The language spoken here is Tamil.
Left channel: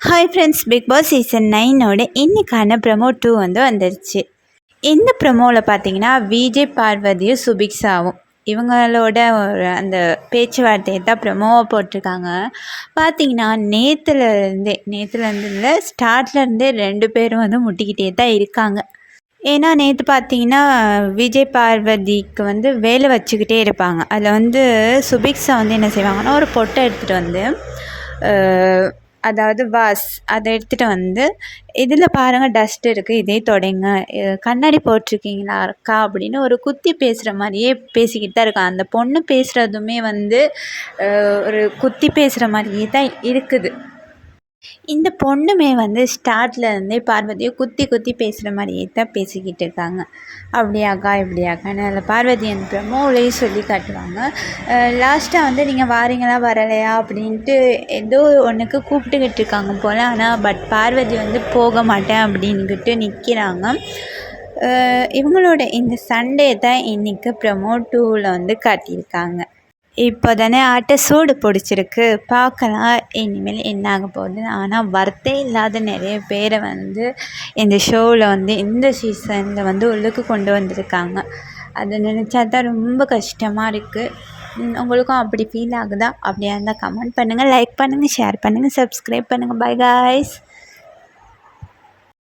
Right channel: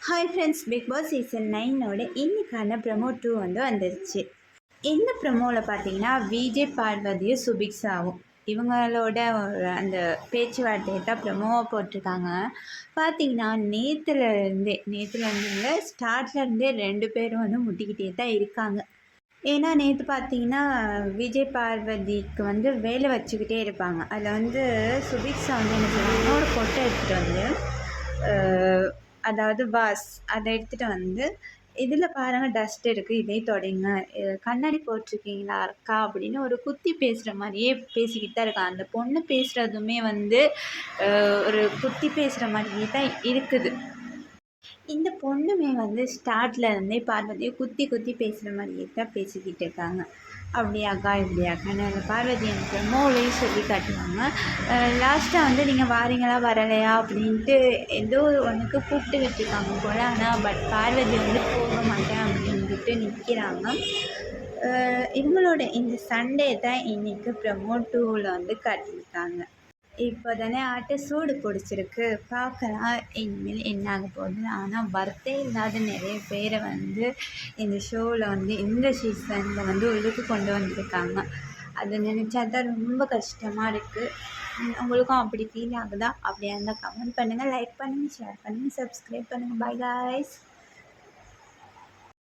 Hi friends Bigg Boss season நைனோட இன்னைக்கான ப்ரமோ டூ வந்து வந்துருச்சு. இந்த ப்ரமோவில் பார்த்தீங்கன்னா விஜய் பார்வதியும் சுபிக்ஸாவும் இவங்களோட ஒரு அந்த பேச்சுவார்த்தையை தான் ப்ரமோவாக போட்டிருக்காங்க. பார்த்தீங்கன்னா நேற்றுலேருந்தே நேற்றுலேருந்து இல்லை ஸ்டார்ட்லேருந்தே ரெண்டு பேரும் வந்து முட்டிக்கிட்டே தான் இருக்காங்க. ஏன்னா நேற்று பார்த்தீங்கன்னா விஜய் பார்வதிக்கு வந்து வேலை வச்சுக்கிட்டே இருப்பாங்க. அதில் வந்து சுபிக்ஸா வந்து என்ன செய்வாங்கன்னா ஒரு பொட்டை எடுத்துகிட்டு வந்து அதாவது வாஸ் அதை எடுத்துகிட்டு வந்து இதில் பாருங்கள் டஸ்ட் இருக்குது இதே தொடைங்க. கண்ணாடி போட்டிருக்கீங்களா அக்கா? அப்படின்னு ஒரு குத்தி பேசுகிற மாதிரியே பேசிக்கிட்டு தான் இருக்கான். அந்த பொண்ணு பேசுகிறதுமே வந்து ஒரு குத்தி பேசுகிற மாதிரியே தான் இருக்குது. இந்த பொண்ணுமே வந்து ஸ்டார்ட்லேருந்தே பார்வதியை குத்தி குத்தி பேசுகிற மாதிரியே தான் பேசிக்கிட்டு இருக்காங்க. அப்படியாக்கா இப்படியாக்கான்னு அதில் பார்வதி அந்த ப்ரமோவிலையும் சொல்லி காட்டுவாங்க. லாஸ்ட்டாக வந்து நீங்கள் வாரீங்களா? வரலையா? அப்படின்ட்டு ஏதோ ஒன்றுக்கு கூப்பிட்டுக்கிட்டு இருக்காங்க போல். ஆனால் பட் பார்வதி வந்து போக மாட்டேன் அப்படின்ட்டு நிற்கிறாங்க இவங்களோட இந்த சண்டே தான் இன்றைக்கி ப்ரமோ டூவில் வந்து காட்டியிருக்காங்க. இப்போ தானே ஆட்ட சூடு பிடிச்சிருக்கு. பார்க்கலாம். இனிமேல் என்ன ஆக போகுது ஆனால் வர்த்தே இல்லாத நிறைய பேரை வந்து இந்த ஷோவில் வந்து இந்த சீசனில் வந்து உள்ளுக்கு கொண்டு வந்திருக்காங்க. அதை நினச்சா தான் ரொம்ப கஷ்டமாக இருக்குது உங்களுக்கும் அப்படி ஃபீல் ஆகுதா? அப்படியா இருந்தால் கமெண்ட் பண்ணுங்கள் லைக் பண்ணுங்கள் ஷேர் பண்ணுங்கள் சப்ஸ்கிரைப் பண்ணுங்கள் பை காய்ஸ்